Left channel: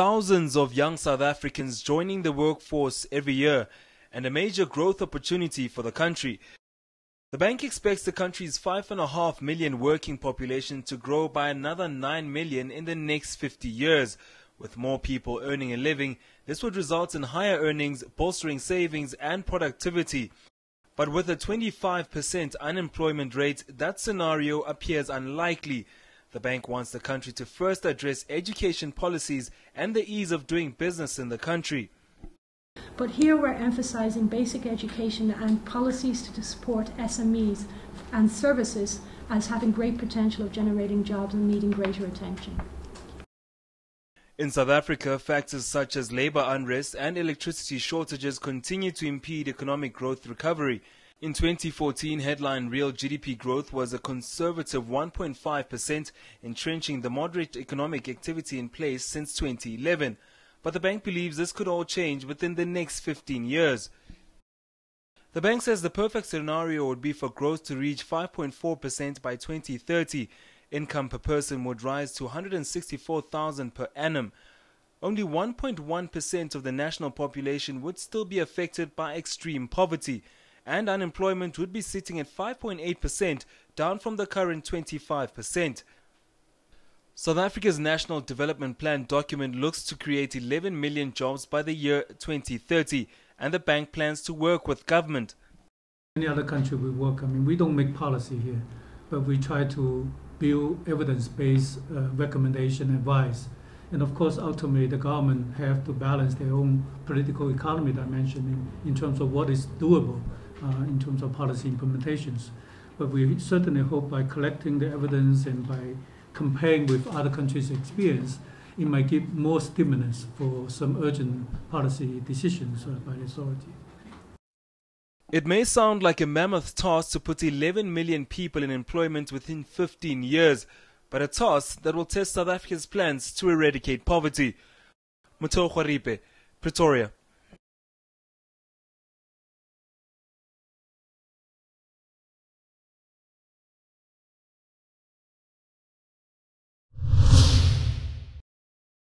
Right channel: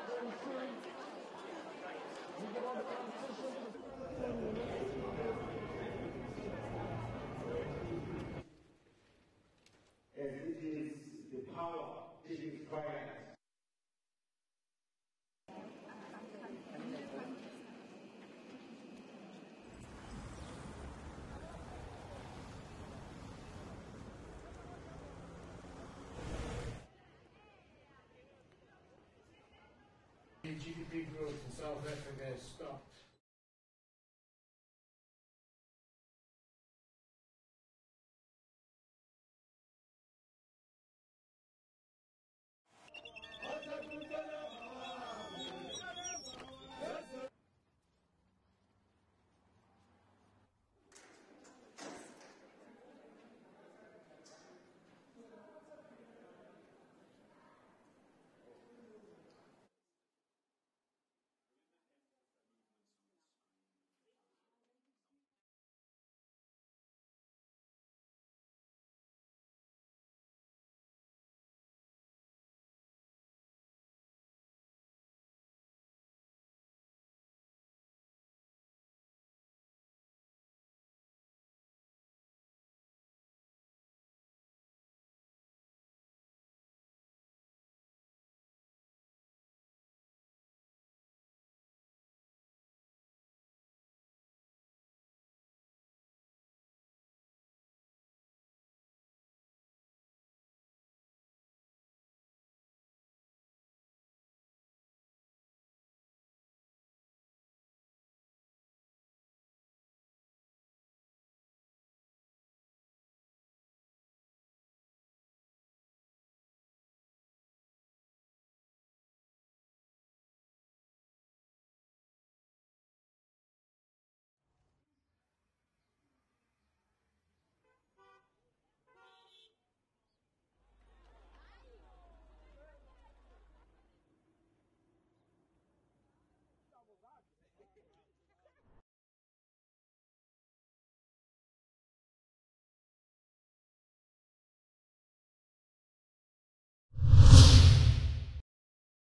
thousands of young South Africans joining the workforce every year and a major growth opportunity for the country. The bank expects the country's 5.5 million working population to grow by another 9 million in the next 50 years. With more people earning a living, this would result in higher earnings, bolstering savings and productivity. But with a 25% unemployment rate, that scenario appears unlikely. The bank wants the country to first address education policies and the ease of doing business in the country. But here we're emphasising basic education and policies to support SMEs and services as having great potential of generating jobs and needing greater attention. In South Africa, factors such as labour unrest and electricity shortages continue to impede economic growth recovery. In 2014, headline real GDP growth was a conservative 1.5%, entrenching the moderate economic activity in place since 2011. But the bank believes this could all change within the next 15 years. The bank says the perfect scenario would be for growth to reach 5.4% by 2030. Income per person would rise to 164,000 per annum. Only 1.1% of the national population would still be affected by extreme poverty, and unemployment would be sitting at 5.8%, down from the current 25%. South Africa's National Development Plan document looks to create 11 million jobs by the year 2030, and the bank plans to work with government. Any other country we work, we don't make policy here, but we try to build evidence-based recommendation advice. And of course, ultimately, the government have to balance their own political economy dimension in terms of what is doable in terms of policy implementations. But we certainly hope by collecting the evidence and by comparing with other countries' experience, it might give more stimulus for some urgent policy decisions by the authority. It may sound like a mammoth task to put 11 million people in employment within 15 years, but a task that will test South Africa's plans to eradicate poverty. Pretoria.